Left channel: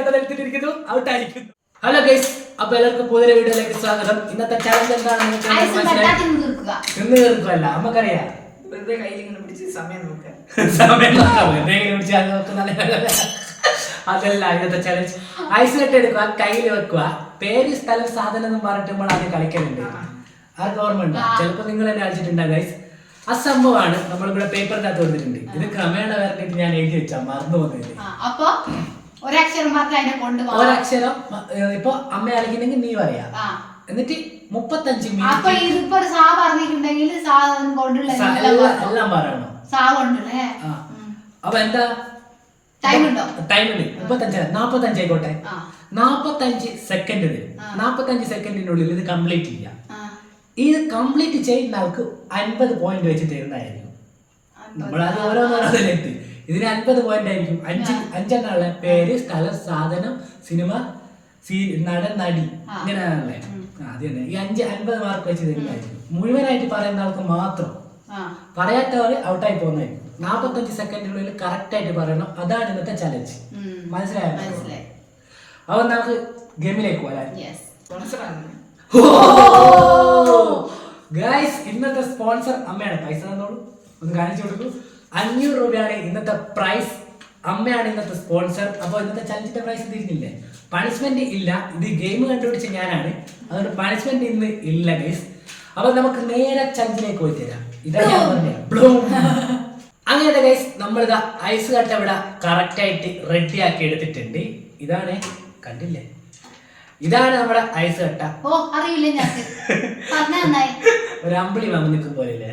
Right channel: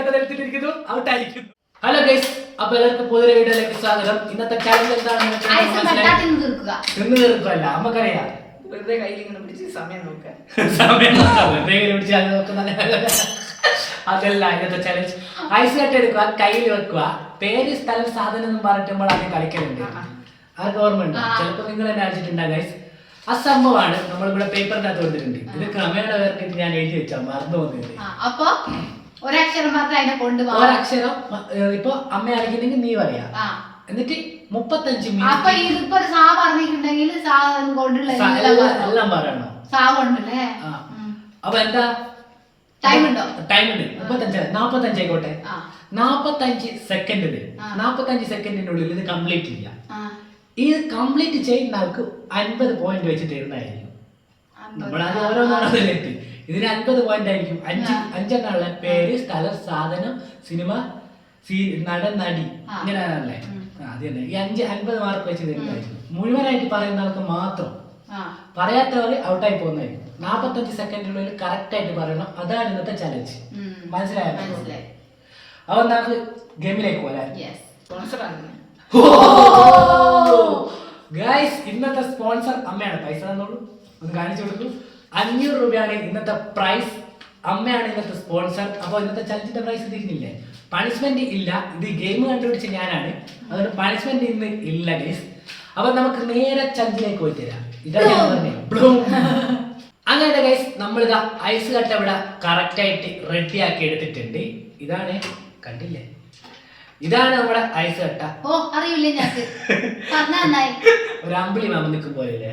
എടുത്തിട്ടിരിക്കുന്നു, ഔട്ടായിരിക്കുന്നു. Hello guys, അപ്പൊ എല്ലാവർക്കും പുതിയ വീഡിയോയിലേക്ക് സ്വാഗതം. ഇന്നത്തെ ചലഞ്ച് എന്താണെന്ന് തിന്നു തീർക്കുമല്ല, നമുക്കറിയാം. വെറുതെ കയ്യിൽ ഇങ്ങനെ പിടിച്ച് സമയം നോക്കാം. അതല്ല ഇന്നത്തെ ചലഞ്ച്. ഐസ് കട്ട് എടുക്കുക, കയ്യിൽ വെക്കുക, പേര് സ്ഥലം സാധനം എന്നും പറഞ്ഞിട്ട് നമ്മൾ ആദ്യം കളിക്കലുണ്ട്. ആർക്ക് ഓർമ്മ ഉണ്ടോ? ചിലപ്പോ നിങ്ങൾ തന്നെ അടിച്ചിട്ടുണ്ടാകും ഗൈസ്. ആ സംഭവമാണ് നമ്മളിവിടെ പേപ്പറിനകത്ത് കൊടുത്തിട്ടുണ്ട്. ഇത് ക്രമേണ വരട്ടിട്ട് ഞാൻ എഴുതി വെച്ചാ മറന്നു പോകുന്നില്ല. അപ്പൊ ഒരക്ഷരം ഒരക്ഷരം ഇപ്പൊ അമ്മ അടിക്കുന്നെങ്കിൽ നീ പറയാ, എന്നിട്ട് 35 മിനിറ്റ് എല്ലാം പറയണം. അപ്പൊ എന്താ ടൈം ഉണ്ട്? 45 ആയിക്കോട്ടെ. 45 സെക്കൻഡ് തരും. 45 സെക്കൻഡിനുള്ളിൽ ഇത് കംപ്ലീറ്റ് ചെയ്യാം. ഇത് കംപ്ലീറ്റ് ചെയ്യുന്ന ആൾക്ക് 50 പോയിന്റ് വെച്ച് തരുന്നതായിരിക്കും. നമ്മളത് ഓരോന്നോരോന്നിലെത്തി ഇതിന് 50 പോയിന്റ് ആയിരിക്കും. 5 പേര്, സ്ഥലം, സാധനം, സിനിമ, നടൻ, നടി, ഇങ്ങനെയാണല്ലേ. അത് തന്നെ. ഈ 50 മാർക്ക് വെച്ച് തരുന്നതായിരിക്കും. മുഴുവനായിട്ട് പറയുന്ന ആൾക്ക് മാത്രം. പറയാത്തവർ ഔട്ടായി പോകുന്നതായിരിക്കും. 45 സെക്കൻഡിനുള്ളിൽ കറക്റ്റ് ആയിട്ട് പറയണം. അതാണ് ഇന്നത്തെ ചലഞ്ച്. മനസ്സിലായോ? അപ്പൊ നമുക്ക് ഗെയിമിലേക്ക് പോരാ. ഗൈസ്, ഇന്നത്തെ സ്പോൺസർ അമ്മയാണ്. പൈസ തന്നോളൂ, ഒന്ന് കാണിച്ചു കൊടുക്കൂ. 500 രൂപയാണ് ഇന്നത്തെ പ്രൈസ്. അമ്മയാണ് ഇന്നത്തെ സ്പോൺസർ. അപ്പോൾ ഇന്നത്തെ ചലഞ്ചിന്റെ പ്രൈസ് തിരിഞ്ഞില്ലേ? പണിഷ്മെന്റ് ഇല്ല. ഇത് ഗെയിം കണ്ടുപിടിച്ച ഞാനാണ്, അതുകൊണ്ട് പണിഷ്മെന്റ് ഇന്ന് ഇല്ല ഗൈസ്. അപ്പൊ നമുക്ക് നേരെ ചലഞ്ചിലേക്ക് പോയി തരാം. ഇതാണ് ഞാൻ പറഞ്ഞത്. അങ്ങനെ ഗൈസ്, നമ്മളിതാ ഐസ് കട്ട ഇവിടെ കറക്റ്റ് ആയിട്ട് റെഡി ആക്കി എടുത്തിട്ടുണ്ട്. ഇതാണ്, കണ്ടില്ലേ? ഇതാണ് നമ്മുടെ ഐസ് കട്ട. ഒരു അമ്പിളി മാമ നിൽക്കും പോലെ.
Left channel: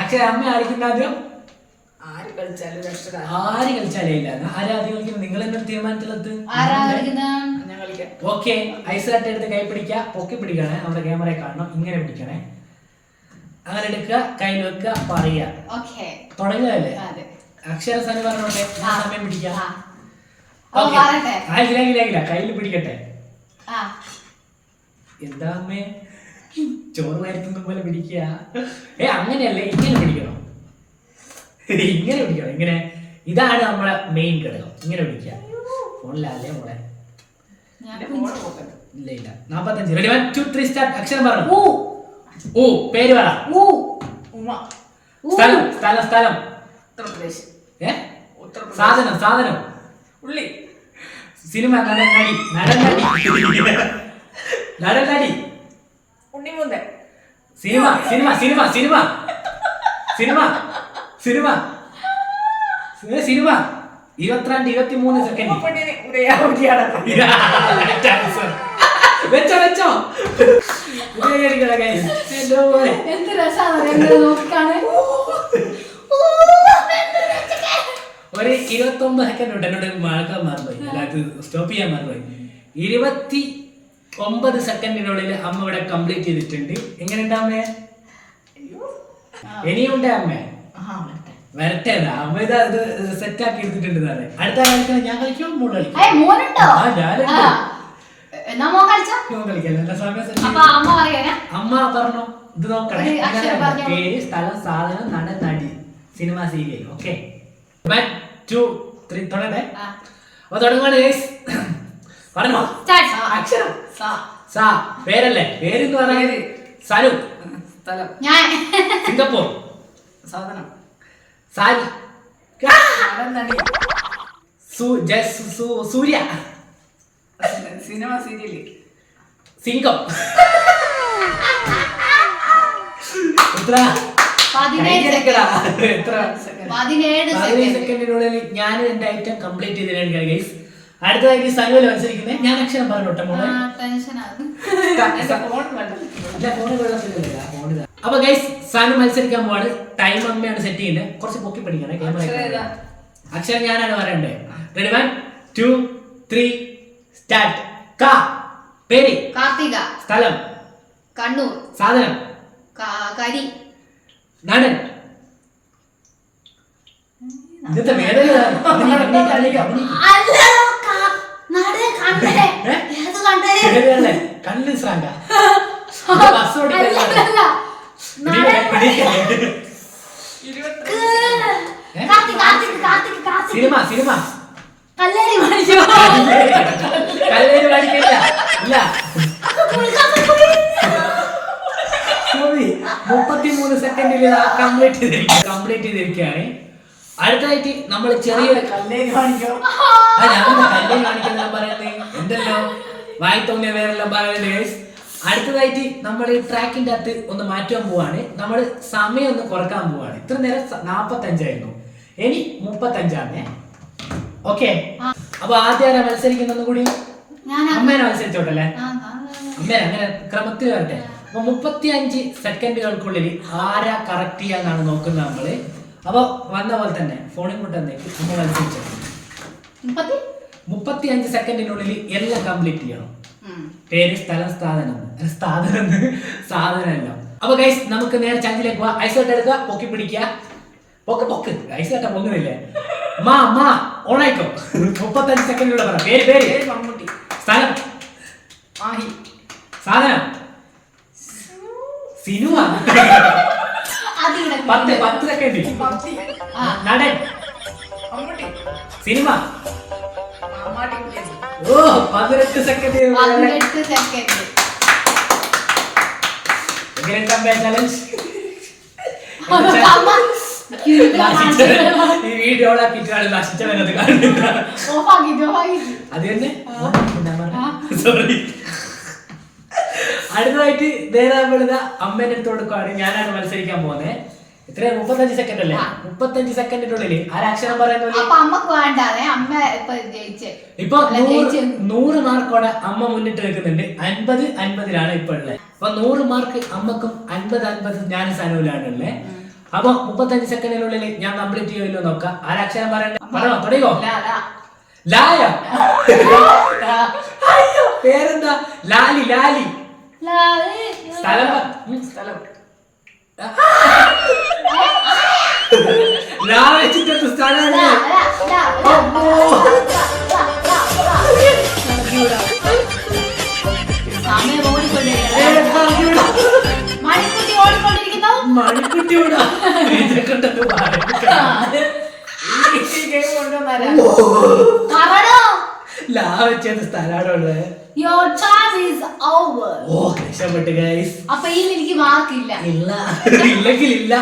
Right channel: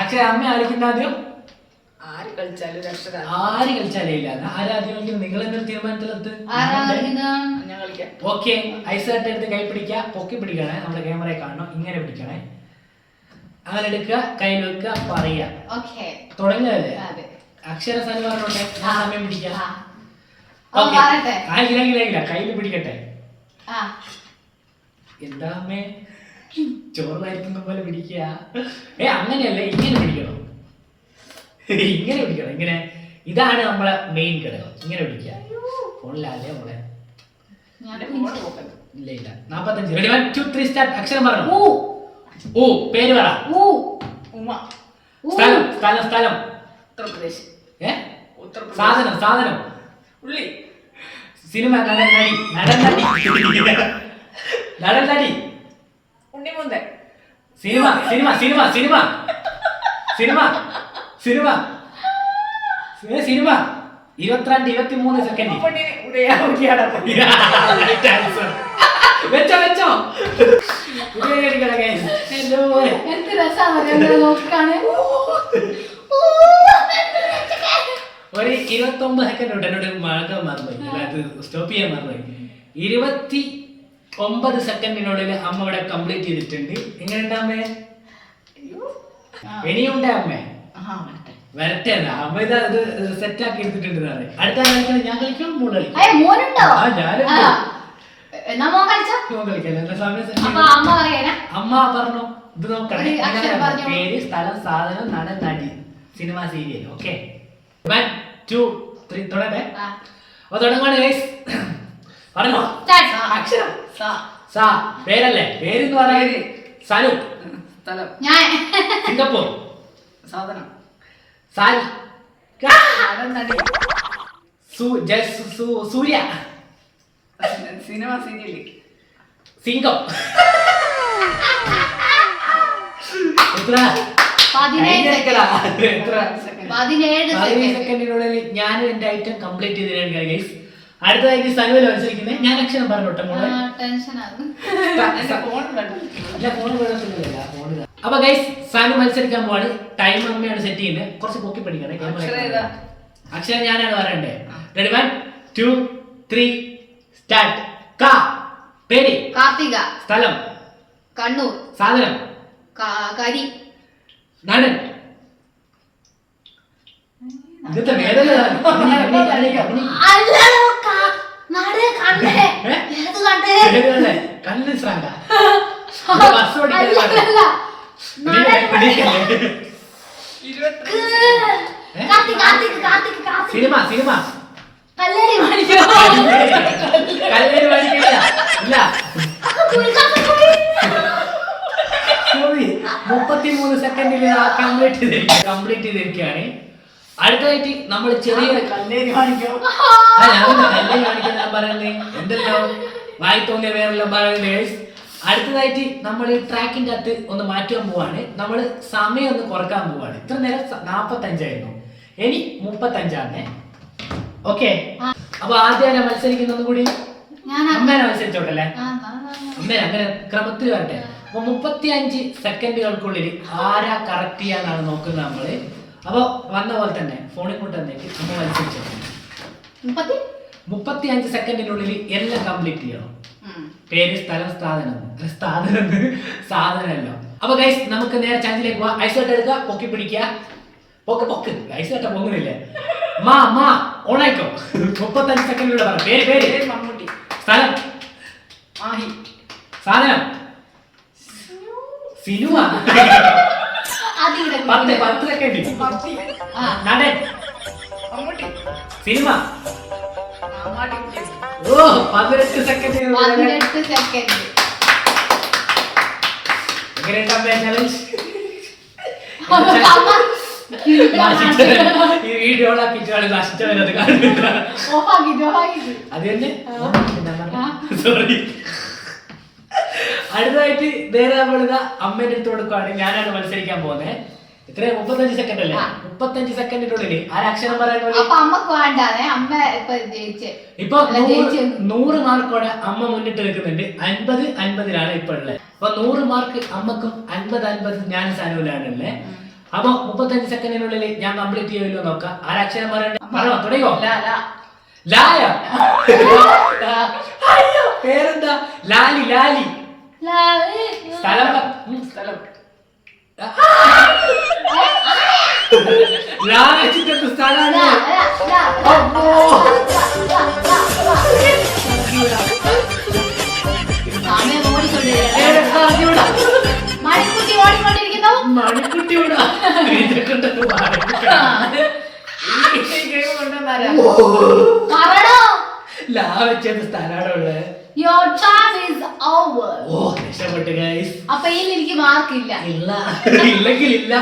അക്ഷര അമ്മ ആയിരിക്കുന്ന ആദ്യം. ആര് കളിച്ചാലേ ഇല്ല. ആരാദ്യം കളിക്കുന്നത്? നിങ്ങൾ എന്തെങ്കിലും തീരുമാനത്തിലെത്ത്. ഓക്കെ, ഐസ് കട്ട എടുത്ത് കൈ പിടിക്കുക, പൊക്കി പിടിക്കണേ. നമ്മുടെ ക്യാമറയെ കാണണം, ഇങ്ങനെ പിടിക്കണേ. അങ്ങനെ എടുക്കുക, കയ്യിൽ വെക്കുക, പറയുക. തുടങ്ങുകയല്ലേ? അക്ഷര സ്ഥലം പറഞ്ഞോട്ടെ, സമയം പിടിക്കാം. കയ്യിൽ പിടിക്കട്ടെ. എന്താ അമ്മേ, ചോറ് വരുത്തുന്ന പോലെ പിടിക്കുക? അങ്ങനെയല്ലേ, ഇങ്ങനെ പിടിക്കണം. ഇങ്ങനെ പിടിക്കണം, ഇങ്ങനെ. ഇതാണ് നമ്മളെ മെയിൻ ഘടകം. ഇങ്ങനെ പിടിക്കുക. ഫോണിലല്ലേ മോളെ? ഇല്ല ഇല്ല. 45. Ready, 1 2 3 start. അക്ഷരം പറഞ്ഞു. ഓ, പേര് പറ. സ്ഥലം സ്ഥലം സ്ഥലം. ഉത്തർപ്രദേശ്. സാധനം സാധനം. ഉള്ളി. സിനിമ, നടൻ, നടി. നടൻ, നടി. നടൻ, നടി. ഉണ്ണിമുന്തൻ. Cinema cinema cinema cinema cinema cinema cinema. 22 23 second. വെച്ചോ വെച്ചോ. ഒരു 29 സെക്കൻഡ് ഉണ്ട്. എന്നോട് മഴക്കാൻ മറന്നുപോയി, അല്ലാതെ സ്റ്റോപ്പ് ചെയ്യാൻ മറന്നുപോയി. 29 സെക്കൻഡിനുള്ളിൽ അമ്മ ഇവിടെ കംപ്ലീറ്റ് ചെയ്തിട്ടുണ്ട്. എങ്ങനെയുണ്ട് അമ്മേ? ഇനിയുണ്ട് അമ്മേ? വരട്ടെ. അമ്മ ഇത് സെറ്റ് ആക്കി എടുത്തിട്ടുണ്ട്. അടുത്ത കളിക്കണം. ഞാൻ കളിക്കും, മോള് കളിക്കും. അമ്മ പറഞ്ഞോ. ഇത് നോക്കണേ. പേര്, സ്ഥലം, സാധനം, നടൻ, നടി, സിനിമ, സീരിയൽ. ഓക്കെ, 1 2 3 തുടങ്ങട്ടെ. അപ്പൊ തുടങ്ങുവാണ് ഗൈസ്. പറഞ്ഞോ. അക്ഷരം സാ. പേരല്ലേ? പേരെന്ന് പറഞ്ഞാൽ സനു. സ്ഥലം സിംഗപ്പൂർ. സാധനം സാരി. സൂര്യ. Cinema, serial. സിംഗം. എത്ര? 17 സെക്കൻഡിനുള്ളിൽ ഞാൻ എന്റെ ഐറ്റം കംപ്ലീറ്റ് ചെയ്തിട്ടാണ് ഗൈസ്. അടുത്തതായിട്ട് സനുവല മത്സരിക്കുന്നത്. ഞാൻ അക്ഷരം പറഞ്ഞോട്ടെ മോളെ. അപ്പൊ ഗൈസ്, സനു മത്സരിക്കാൻ പോവാണ്. ടൈം അമ്മയാണ് സെറ്റ് ചെയ്യുന്നത്. കുറച്ച് പൊക്കി പഠിക്കണേ ക്യാമറ. അക്ഷരം ഞാനാണ് പറയണ്ടേ. Ready, 1 2 3 start. കാ. പേര്. കാർത്തിക. സ്ഥലം കണ്ണൂർ. സാധനം കരി. നടൻ. ഇന്നത്തെ വേദന കണ്ണ് ശ്രാങ്ക. ബസ് സിനിമ സിനിമ കല്ലേരി മണിക്കോ കല്ലേര് പഠിക്കില്ല ഇല്ല 33 സെക്കൻഡിൽ കംപ്ലീറ്റ് ചെയ്തിരിക്കുകയാണ്. അടുത്തതായിട്ട് നമ്മൾ ചെറിയൊരു കല്ലേരി കാണിക്കോ ഞാൻ കല്ലേര് കാണിക്കുന്ന പറയുന്നത് എന്തല്ലോ വായി തോന്നിയ വേറെല്ലാം പറയുന്നത് ഗൈസ്. അടുത്തതായിട്ട് നമ്മൾ ഈ ട്രാക്കിന്റെ അകത്ത് ഒന്ന് മാറ്റാൻ പോവാണ്. നമ്മൾ സമയം ഒന്ന് കുറക്കാൻ പോവാണ്. ഇത്ര നേരം 45 ആയിരുന്നു, ഇനി 35 ഓക്കെ. അപ്പൊ ആദ്യം മത്സരിക്കുന്ന കൂടി അമ്മേനെ മത്സരിച്ചോട്ടല്ലേ, അമ്മേനെ അങ്ങനെ ക്രമത്തിൽ വരട്ടെ. അപ്പൊ 35 സെക്കൻഡുകൾക്കുള്ളിൽ ആരാ കറക്റ്റ് ചെയ്യാന്നാണ് നോക്കുന്നത് നമ്മള്. അപ്പൊ വന്ന പോലെ തന്നെ ഫോണിൽ കൊണ്ടുവന്നേക്ക് അമ്മ മത്സരിച്ചോ. 35 സെക്കൻഡിനുള്ളിൽ എല്ലാം കംപ്ലീറ്റ് ചെയ്യണം. പേര്, സ്ഥലം, സാധനമല്ലോ. അപ്പൊ ഗൈസ് നമുക്ക് നേരെ ചാഞ്ചിലേക്ക് പോവാ. ഐസ് എടുക്കുക, പൊക്കി പിടിക്കുക, പൊക്ക് ഐസ് കട്ട പൊങ്ങുന്നില്ലേ. ഓണായിക്കോ. 35 സെക്കൻഡിലൂടെ പറ. പേര് മമ്മൂട്ടി. സ്ഥലം മാഹി. സാധനം സിനിമ. 10 സെക്കൻഡ്. നടൻ മമ്മൂട്ടി. സിനിമ. മാമാട്ടി. ഓ 18 സെക്കൻഡ്. ചലഞ്ച് ഈ വീഡിയോ നശിച്ചവരത് കാണുന്നില്ല. അത് തന്നെ സോറി. അടുത്തതായിട്ട് നേരെ നമ്മളിതാ അമ്മേന്റെ അടുത്ത് കൊടുക്കുവാണ്. ഞാനാണ് മത്സരിക്കാൻ പോകുന്നത്. എത്രയാ 35 സെക്കൻഡ് അല്ലേ? 35 സെക്കൻഡിനുള്ളിൽ ആരക്ഷരം പറയുന്നത് ഇപ്പൊ 100 മാർക്കോടെ അമ്മ മുന്നിട്ട് നിൽക്കുന്നുണ്ട്. 50-50 ഇപ്പൊ ഉള്ളത്. അപ്പൊ 100 മാർക്ക് അമ്മക്കും 50-50 ഞാൻ സനൂലാണ് ഉള്ളത്. അപ്പൊ 35 സെക്കൻഡിനുള്ളിൽ ഞാൻ കംപ്ലീറ്റ് ചെയ്യുമല്ലോ നോക്കാം. ആരക്ഷരം പറയണ്ട പറയോ തുടങ്ങിയോ? ലായ. പേരെന്താ? ലാലി. സ്ഥലം വെച്ചിട്ട് സ്ഥലമാണ്. മണിക്കുട്ടിയോടാ ലാ വെച്ചത് സ്ഥലമാണ് ഉള്ളത്. രക്ഷപ്പെട്ടു ഗൈസ്. എനിക്ക് മാർക്കില്ല. ഇല്ലെങ്കിൽ ഇല്ല.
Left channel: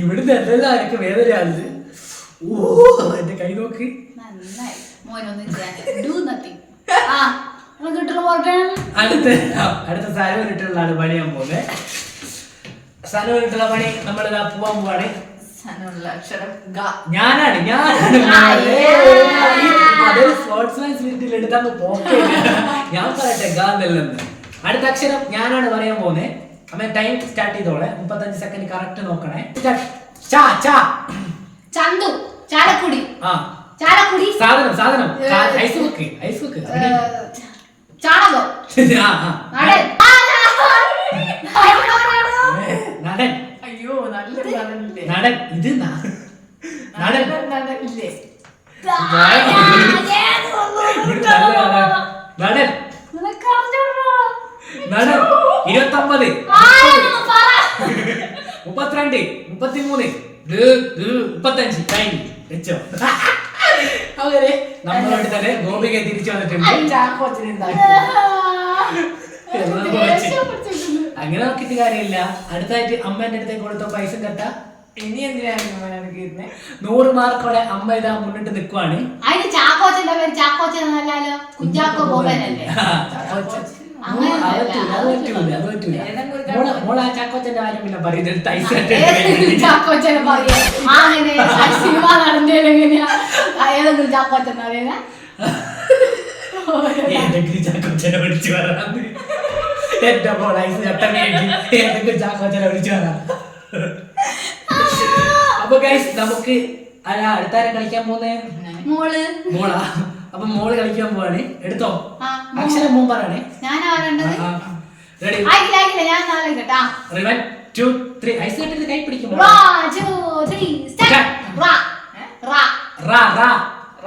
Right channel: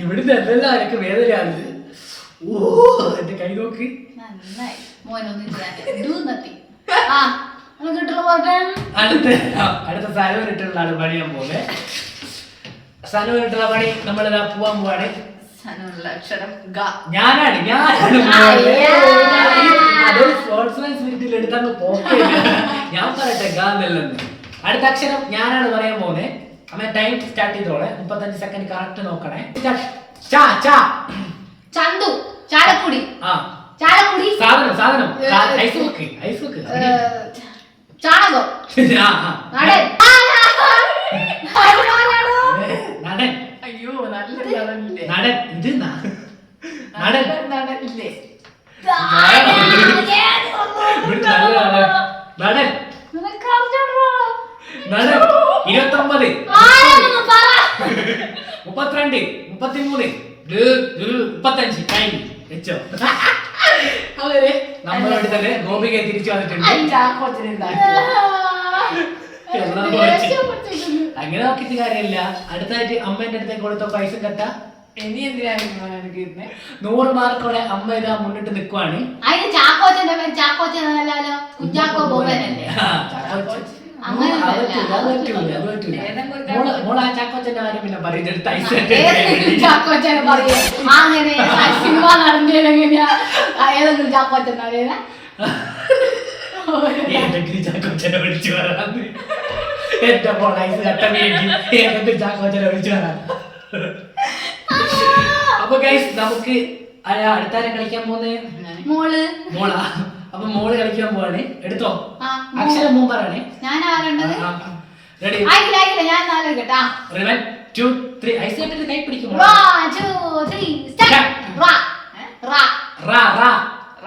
ഇവിടുന്ന് എന്തെല്ലാം എനിക്ക് വേദനയാണ്. ഓ എന്റെ കൈ നോക്ക്. അടുത്ത സനുവിനിട്ടുള്ള പണിയാൻ പോലെ. സനുവിനിട്ടുള്ള പണി നമ്മളിതാ പോവാൻ പോവാണ്. ഞാനാണ് അതൊരു സ്പോർട്സ്മാൻ സ്പിരിറ്റിൽ എടുത്തങ്ങ് പോക്കില്ല. ഞാൻ പറയട്ടെ ഗാന്നല്ലെന്ന്. അടുത്ത അക്ഷരം ഞാനാണ് പറയാൻ പോകുന്നത്. അമ്മ ടൈം സ്റ്റാർട്ട് ചെയ്തോളെ. 35 സെക്കൻഡ് കറക്റ്റ് നോക്കണേ. ചന്തു. ചാലക്കുടി. സാധനം ഐസ് വെക്ക്. ചാണകം. നടൻ. അയ്യോ നല്ല നടൻ. ഇത് നടൻ. നടനില്ലേ? നടൻ 29 32 33 35 കഴിഞ്ഞു വെച്ചോ. അവരെ നമ്മളോട് തന്നെ ഗോപിക തിരിച്ചു വന്നിട്ടുണ്ട്. അങ്ങനെ നോക്കിയിട്ട് കാര്യമില്ല. അടുത്തായിട്ട് അമ്മേന്റെ അടുത്തേക്ക് കൊടുത്ത പൈസ കട്ട. ഇനി എന്തിനാണ് 100 മാർക്കോടെ അമ്മ ഇതാ മുന്നിട്ട് നിൽക്കുവാണ്. മോളാ ചാക്കോച്ചന്റെ കാര്യം പിന്നെ പറയുന്നത് ഏതെങ്കിലും ചാക്കോച്ചനെ വിളിച്ചു വരാന്ന്. എന്റെ മോൾ ഐസ് കട്ടമേക്ക് ഏതെങ്കിലും ചാക്കോച്ചനെ വിളിച്ചു വരാൻ. അപ്പൊ ഗൈസ് നമുക്ക് അടുത്താരം കളിക്കാൻ പോകുന്നേ മോളാ. അപ്പൊ മോള് കളിക്കാൻ പോവാണ്. എടുത്തോ അക്ഷരം മോൻ പറയണേ. റെഡി? 1 2 3 ഐസ് കട്ടിൽ കൈ പിടിക്കും.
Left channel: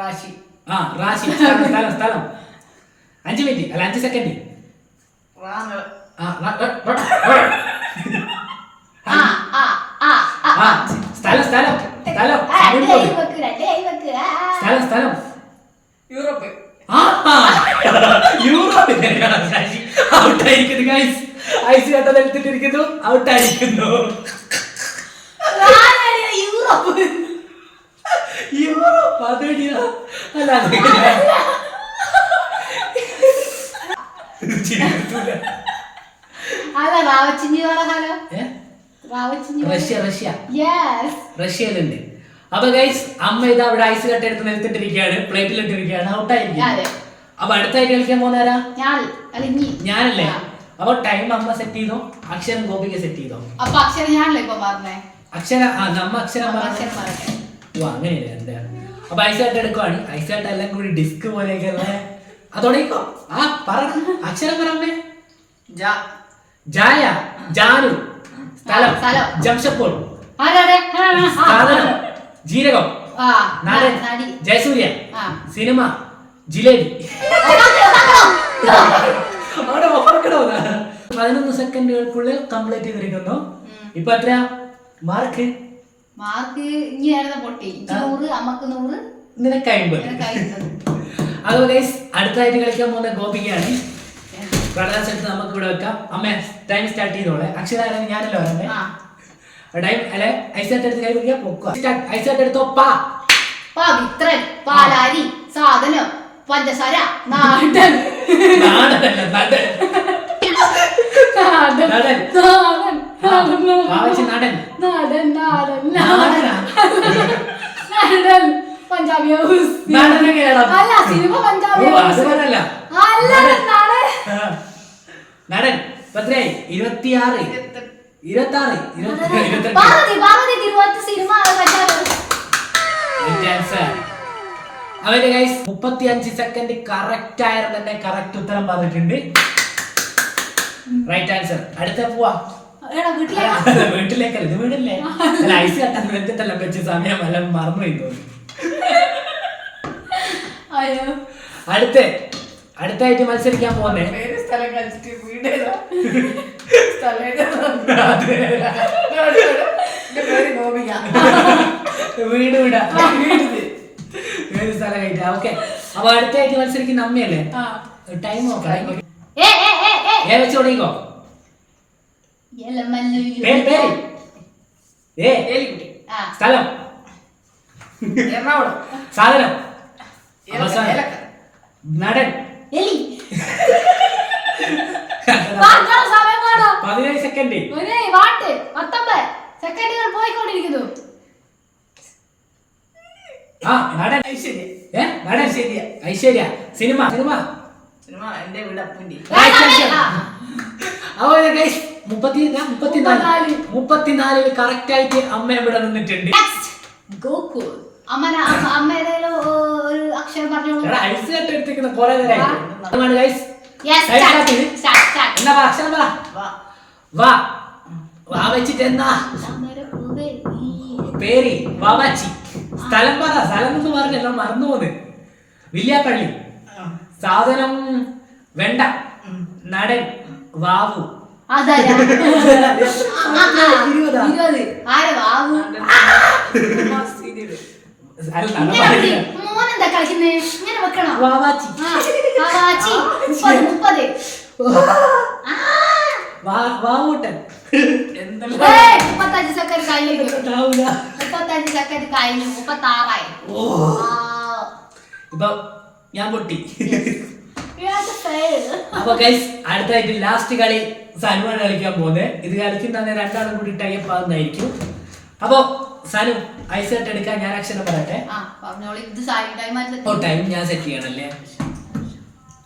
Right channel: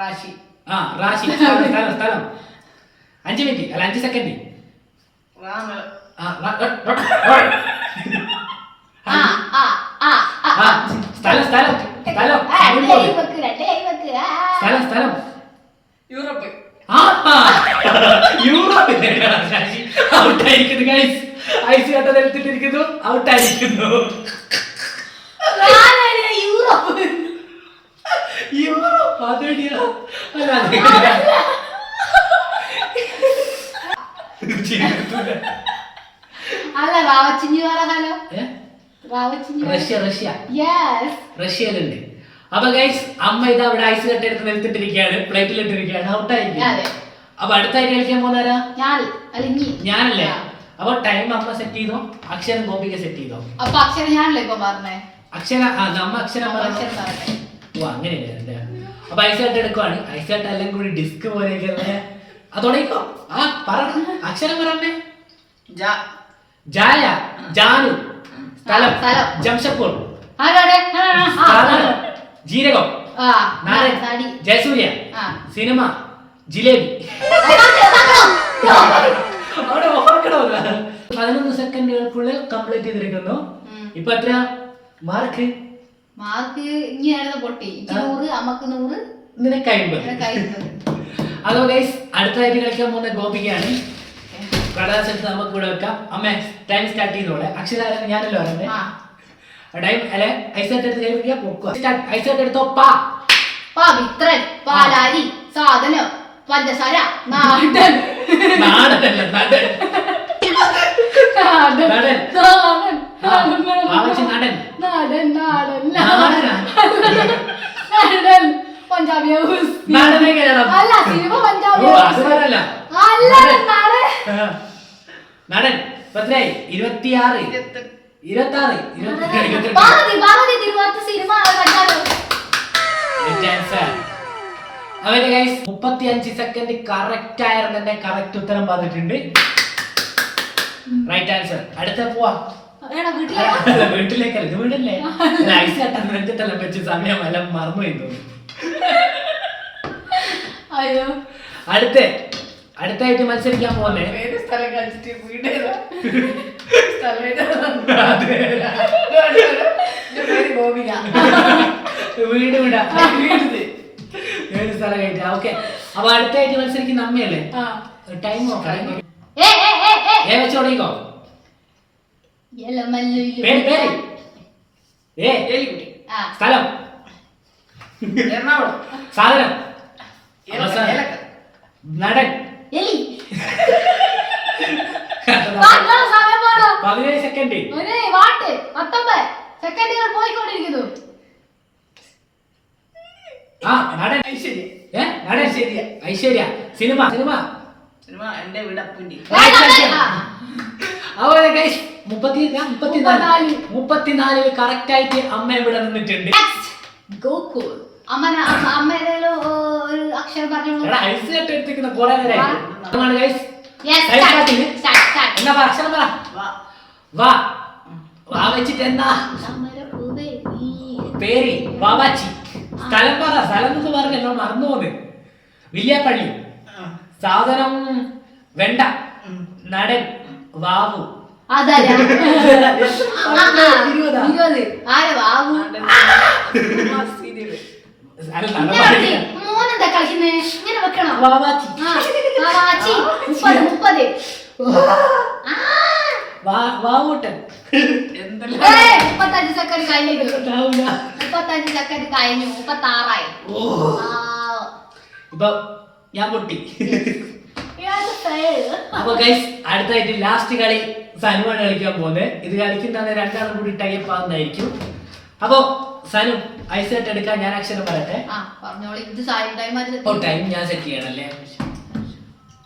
റാശി. റാശി. സ്ഥലം 5 മിനിറ്റ് അല്ല 5 സെക്കൻഡ്. സ്ഥലം സ്ഥലം ആ, രണ്ട് സിനിമ. കൈ വെക്ക്, രണ്ട് കൈ വെക്ക്. ആ. സ്ഥലം സ്ഥലം യൂറോപ്പ്. ആ, യൂറോപ്പിന്റെ ശശി ഔട്ടായിരിക്കുന്നു ഗൈസ്. ഐസ് കട്ട നിലത്തിട്ടിരിക്കുന്നു, ഔട്ടായിരിക്കുന്നു. ഞാനറിയാം, യൂറോപ്പ്. യൂറോപ്പ് അതെടിയാ. അല്ല ജീവിതത്തില്. അല്ല റാവച്ചിഞ്ഞി പറ ഹലോ ഏ? റാവച്ചിഞ്ഞി റഷ്യ റഷ്യ യെസ് റഷ്യയിലുണ്ട്. അപ്പൊ ഗൈസ് അമ്മ ഇത് അവിടെ ഐസ് കട്ട എടുത്ത് നിലത്തിട്ടിരിക്കുകയാണ്, പ്ലേറ്റിലിട്ടിരിക്കുകയാണ്, ഔട്ടായിരിക്കും. അതെ. അപ്പൊ അടുത്തായിട്ട് കളിക്കാൻ പോകുന്നേരാ ഞാൻ അലിഞ്ഞി ഞാനല്ലേ. അപ്പൊ ടൈം അമ്മ സെറ്റ് ചെയ്തോ, അക്ഷരം ഗോപിക സെറ്റ് ചെയ്തോ. അപ്പൊ അക്ഷരം ഞാനല്ലേ ഇപ്പൊ പറഞ്ഞേ അക്ഷര നമ്മ അക്ഷരം പറഞ്ഞു. അക്ഷരം പറയട്ടെ. ഓ അങ്ങനെയല്ലേ എന്താ. അപ്പൊ ഐസ് കട്ട എടുക്കുവാണ്. ഐസ് കട്ട എല്ലാം കൂടി ഡിസ്ക് പോലെയൊക്കെ അതോടെക്കോ. ആ പറ അക്ഷരം പറഞ്ഞേ. ജ. ജായ ജാനു. സ്ഥലം സ്ഥലം. ജംഷഡ്പൂർ. അതെ, അതെ. സാധനം ജീരകം. ആ, നാടൻ നടി. ജയസൂര്യ. ആ. സിനിമ ജിലേബി. അവിടെ ഓർക്കണോ? 11 സെക്കൻഡുകൾക്കുള്ളിൽ കംപ്ലീറ്റ് ചെയ്തിരിക്കുന്നു. ഇപ്പൊ എത്രയാ മാർക്ക്? മാർക്ക് ഇങ്ങനെയായിരുന്നു പൊട്ടി. 100, അമ്മക്ക് 100, നിനക്ക് 50. നിനക്ക് 50. അതോ ഗൈസ് അടുത്തായിട്ട് കളിക്കാൻ പോകുന്ന ഗോപികയാണ്. കടലാസ് എടുത്ത് നമുക്ക് ഇവിടെ വെക്കാം. അമ്മേ ടൈം സ്റ്റാർട്ട് ചെയ്തോളെ. അക്ഷരം ഞാനല്ലോ പറഞ്ഞേ. ആ. ടൈം അല്ലെ ഐസ് കട്ട് എടുത്ത് കൈ പിടിക്കുക പൊക്കുക. ഐസ് കട്ട് എടുത്തോ. പാ പവിത്രൻ, പാലാരി, സാധനം, പഞ്ചസാര, നാടൻ. നാടനല്ല നടൻ. നാടൻ. നടൻ. നാടൻ. നാടൻ. ആവശ്യം നടൻ. നാടൻ. നാടൻ. നാടനാ? നാടൻ. പഞ്ചാബി ഹൗസ്. നടൻ എങ്ങനെയാടാ? അല്ല, സിനിമ പഞ്ചാബി ഓ, ഹൗസ്. അത് പറയല്ല. അല്ല, നാടൻ. നടൻ. പത്രയായി 26 26 28 പാർവതി തിരുവോത്ത് സിനിമ പഞ്ചാബി ഹൗസ്. അവന്റെ ഗൈസ് 35 സെക്കൻഡ് കറക്റ്റ് ആയിരുന്നു തന്നെ കറക്റ്റ് ഉത്തരം പറഞ്ഞിട്ടുണ്ട്. Right answer. അടുത്ത പോവാ. എടാ, വീട്ടിലെ വീട്ടിലേക്കല്ല, ഇത് വീടല്ലേ. അല്ല, ഐസ് കട്ടൻ നെഞ്ചത്തെല്ലാം വെച്ച് സമയം എല്ലാം മറന്നു പോയി തോന്നുന്നു. അയ്യോ. അടുത്തായിട്ട് മത്സരിക്കാൻ പോകുന്നേ പേര് സ്ഥലം കളിച്ചിട്ട് വീട് ഏതാ? സ്ഥലം ഏതാ? എന്റെ പേര് ഗോപിക. വീട് വിടാ. വീട്. ഏത് സ്ഥലം കഴിക്കാം. ഓക്കെ. അപ്പൊ അടുത്തായിട്ട് മത്സരിക്കുന്ന അമ്മയല്ലേ. ആ. ടൈം നോക്കാം. ഏ ഏ ഏ ഏ ഏ വെച്ച് തുടങ്ങിക്കോ. എലമല്ലു. പേര് ഏ എലിക്കുട്ടി. ആ. സ്ഥലം എറണാകുളം. സാധനം ഏലക്ക. ഏലക്ക. നടൻ എലി. വാ, സമയം വേണോ? 17 സെക്കൻഡ്. ഒരേ വാട്ട് 19 സെക്കൻഡുകൾ പോയിക്കൊണ്ടിരിക്കുന്നു. ആ നടൻ ഐശ്വര്യ. നടൻ Aishwarya. Aishwarya. Cinema cinema cinema എന്റെ വീട് അപ്പുണ്ടി. അതുപോലെ ഗൈസ് 34 കറക്റ്റ് ആയിട്ട് അമ്മ ഇവിടെ നിന്നിട്ടുണ്ട്. ഗോകുൽ. അമ്മ ഏതെങ്കിലും ഒരു അക്ഷരം പറഞ്ഞോളൂ. എടാ ഐസ് കട്ട് എടുത്തിരിക്കുന്ന കുറെ നേരമായിട്ട് guys. Yes, Time start. start ചെയ്ത്. Start, start. എന്നാ പറ അക്ഷരം പറ. വാ. വാ വാ വെച്ചിട്ട് എന്നാ താമരപ്പൂവേ നീ. പേര് വാവാച്ചി. സ്ഥലം പറ. സ്ഥലം എന്ന് പറഞ്ഞല്ലോ മറന്നു പോന്ന്. വില്യാപ്പള്ളി. സാധനം വെണ്ട. നടൻ വാവു. അതാരാ? 20. 20. ആരാ വാവു? സീരിയല്. അല്ല, ഇങ്ങനെ നടൻ മതി. മോനെന്താ കളിക്കുന്നേ? ഇങ്ങനെ വെക്കണം. വാവാച്ചി. ആ, വാവാച്ചി. 30. വാവൂട്ടൻ. എന്തെല്ലാം 35 സെക്കൻഡ് കഴിഞ്ഞു. ഉണ്ടാവൂല. 35 സെക്കൻഡ് കഴിഞ്ഞു. 36 ഓ. ഇപ്പൊ ഞാൻ പൊട്ടി. അപ്പൊ ഗൈസ് അടുത്തായിട്ട് ലാസ്റ്റ് കളി സനുവാണ് കളിക്കാൻ പോകുന്നത്. ഇത് കളിക്കുന്ന രണ്ടാളും കൂടി ടൈപ്പ് ആവുന്നതായിരിക്കും. അപ്പൊ സനു ഐസ് കട്ട് എടുക്കാൻ ഞാൻ അക്ഷരം പറയട്ടെ. ഓ ടൈം ഞാൻ സെറ്റ് ചെയ്യണല്ലേ.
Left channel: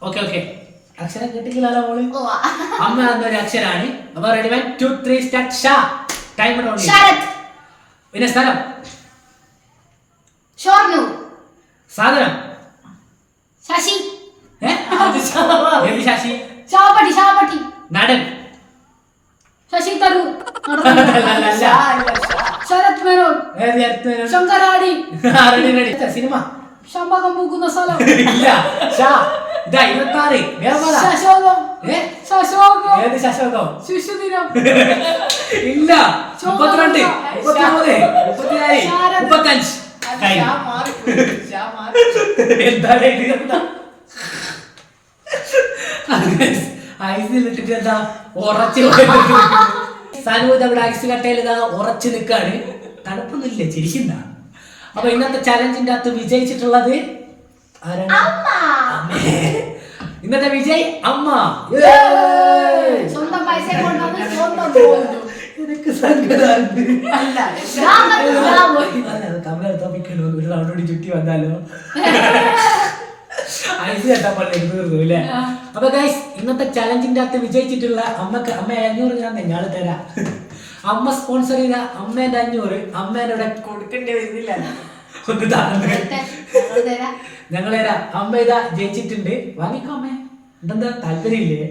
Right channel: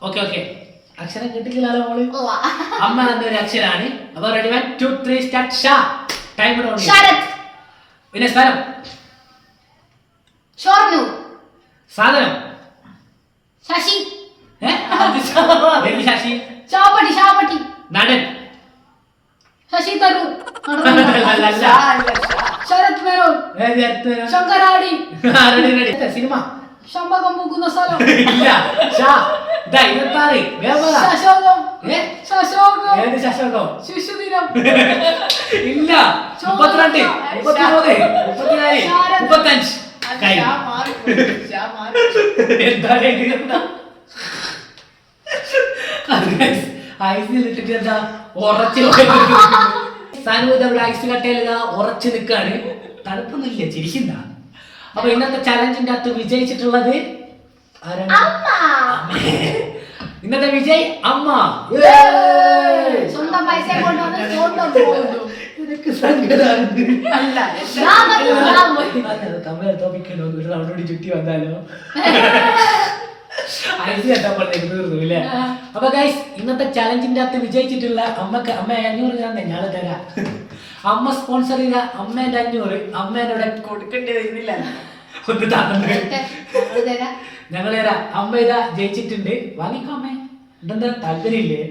Okay okay. അക്ഷരം കിട്ടിക്കില്ലല്ലോ മോള്. അമ്മ എന്നൊരു അക്ഷരാണ്. അപ്പൊ റെഡി 1 2 3 സ്റ്റാർട്ട്. ഷാ. ടൈം ശരത്. പിന്നെ സ്ഥലം ഷോർണൂർ. സാധനം ശശി. ഏത് ശശി? ചാവപ്പട്ടി. ചാവപ്പട്ടി. നടൻ ശശി തരൂർ. അല്ല. ശരത് മേനോൻ. ഏത് അടുത്ത് വരാം? ശങ്കരാടി. Ready ready. സിനിമ ശമ്പകം പൂക്കുന്ന സ്ഥലം. ഇല്ല. ഷാ. ഇതാ 26. വേഗം പറ. ശശോകം. ഏ? ശശോകം. ഏത് ശശോകം? ശിശുദിനം. ഇല്ല. 32, 33, 34, 35. കഴിഞ്ഞു. എന്താണ് ഇത്? ഐസിലിട്ടിട്ട് എന്താ ഉറച്ച് സനൂത് അവിടെ ഐസ് കട്ടയിൽ ഇതാ ഉറച്ചു നിൽക്കാണ്. തണുപ്പൊന്നുമില്ല, ചിരിക്കുന്ന. അപ്പൊ ഇന്നത്തെ ചലഞ്ചിന്റെ അകത്ത് വിജയിച്ചിട്ടുള്ളത് ആരാണ്? അമ്മേ. ഇന്നത്തെ വിജയ് അമ്മ. സ്വന്തം പൈസ കൊണ്ടുവന്ന് സ്വന്തം പോകുന്നു. എനിക്ക് സങ്കടമാണ്. കമല തോപ്പിക്കണോ, ഒരു റൗണ്ട് കൂടി ചുറ്റി വന്നാലോ. ഐസ് കെട്ടപ്പോഴത്തേക്ക് തീർന്നു അല്ലേ? അപ്പൊ ഗൈസ്, ഇന്നത്തെ ചലഞ്ചിന്റെ അകത്ത് വിജയിച്ചിട്ടുള്ള അമ്മക്ക്, അമ്മ 500 ഞാൻ ഞങ്ങള് തരാം. അമ്മ സ്പോൺസർ ചെയ്ത അമ്മേന്റെ 500 അമ്മേനോടെ കൊടുക്കേണ്ടി വരുന്നില്ല. ഒന്ന് തന്നു. ഞങ്ങൾ തരാം. അമ്മ ഇതാ ജയിച്ചിട്ടുണ്ട്. വാങ്ങിക്കോ അമ്മേ. എന്താ താല്പര്യമില്ലേ?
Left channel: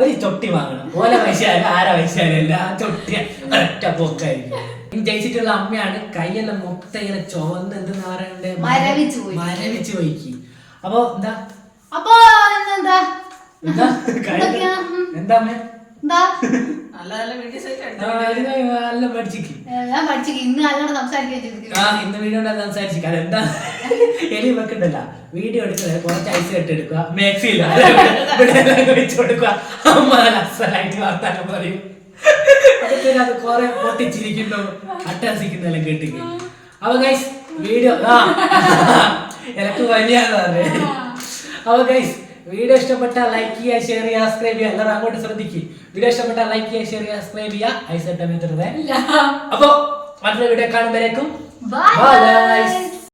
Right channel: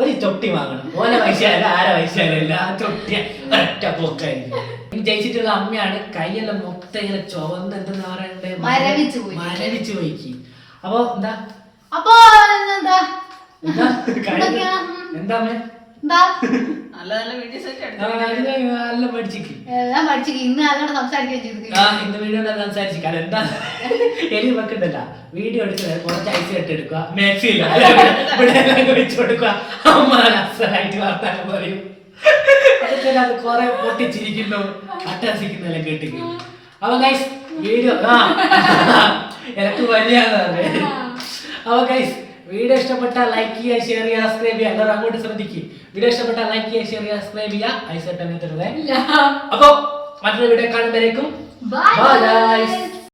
ഒരു ചൊട്ടി വാങ്ങണം. ഓല പൈസയല്ല, ആര പൈസയല്ല, ആ ചൊട്ടി ഒറ്റ പോക്കായിരിക്കും. ഇനി ജയിച്ചിട്ടുള്ള അമ്മയാണ്. കൈയെല്ലാം മൊത്തം ഇങ്ങനെ ചുവന്ന് എന്തെന്ന് പറയണ്ടേ, മരവിച്ചു പോയിക്ക്. അപ്പൊ എന്താ അപ്പൊ എന്താ എന്താ അമ്മേ? നല്ല നല്ല വീഡിയോസ് നല്ല പഠിച്ചിക്ക്. ഇന്ന് അതുകൊണ്ട് സംസാരിക്കുകയും ഇന്ന് വീഡിയോ സംസാരിച്ചിരിക്കും. അതെന്താ എലി വെക്കണ്ടല്ല, വീഡിയോ എടുക്കുന്നത് കുറച്ച് ഐസ് കെട്ടെടുക്കുക, മാക്സില്ല ഇവിടെ വെച്ച് കൊടുക്കുക. അമ്മ അസലായിട്ട് വർത്താനം പറയും. അതൊക്കെ അത് കുറെ പൊട്ടിച്ചിരിക്കുന്നു, അട്ടഹസിക്കുന്നെല്ലാം കേട്ടിക്ക്. അപ്പൊ ഗൈസ് വീഡിയോ എനക്ക് വലിയാന്ന് പറഞ്ഞേ. അപ്പൊ ഗൈസ് വീഡിയോ ഇഷ്ടപ്പെട്ട ലൈക്ക് ചെയ്യുക, ഷെയർ ചെയ്യുക, സബ്സ്ക്രൈബ് ചെയ്യുക. എല്ലാവരും അങ്ങോട്ട് ശ്രദ്ധിക്കും. വീഡിയോ ഇഷ്ടപ്പെട്ട ലൈക്ക് ചെയ്യുക, ഷെയർ ചെയ്യുക, സബ്സ്ക്രൈബ് ചെയ്യുക. ഐസ് കെട്ടാൻ. അപ്പൊ മറ്റൊരു വീഡിയോ കാണുമ്പോഴേക്കും ബൈ ഗൈസ്.